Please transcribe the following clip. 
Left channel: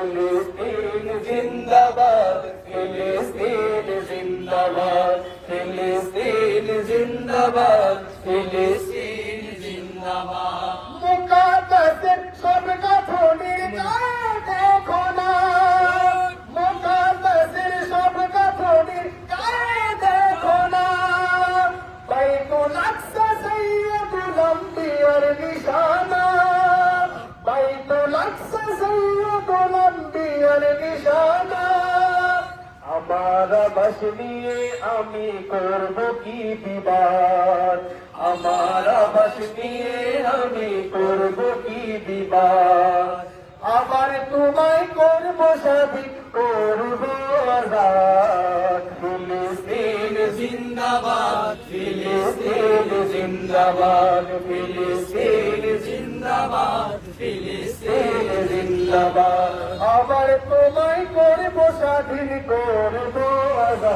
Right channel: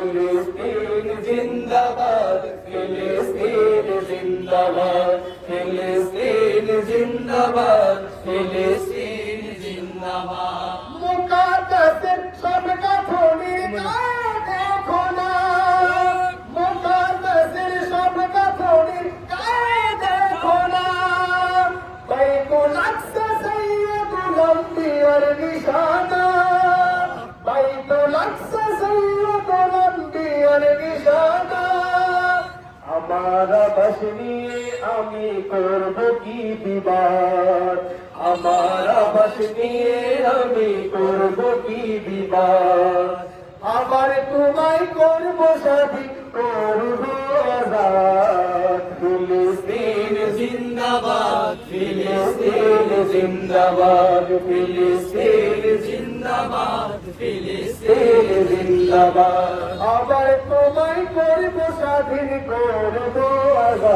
ফিলিস্তিন জিন্দাবাদ, ফিলিস্তিন জিন্দাবাদ, ফিলিস্তিন জিন্দাবাদ, ফিলিস্তিন জিন্দাবাদ। মুকাদ্দাসের সব গাঁথনি দেখো না, মুকাদ্দাসের সব গাঁথনি দেখো না। বাইতুল আকসা সাইয়্যিদুল আম্বিয়ার নিশানা, বাইতুল আকসা সাইয়্যিদুল আম্বিয়ার নিশানা। আমার আবাস নিয়ে আমি করব কি বিবাদ, আমার আবাস নিয়ে আমি করব কি বিবাদ। আবার তোমায় করব স্বাধীন, করব আজাদ। ফিলিস্তিন জিন্দাবাদ, ফিলিস্তিন জিন্দাবাদ, ফিলিস্তিন জিন্দাবাদ, ফিলিস্তিন জিন্দাবাদ। আবার তোমায় করব স্বাধীন, করব আজাদ।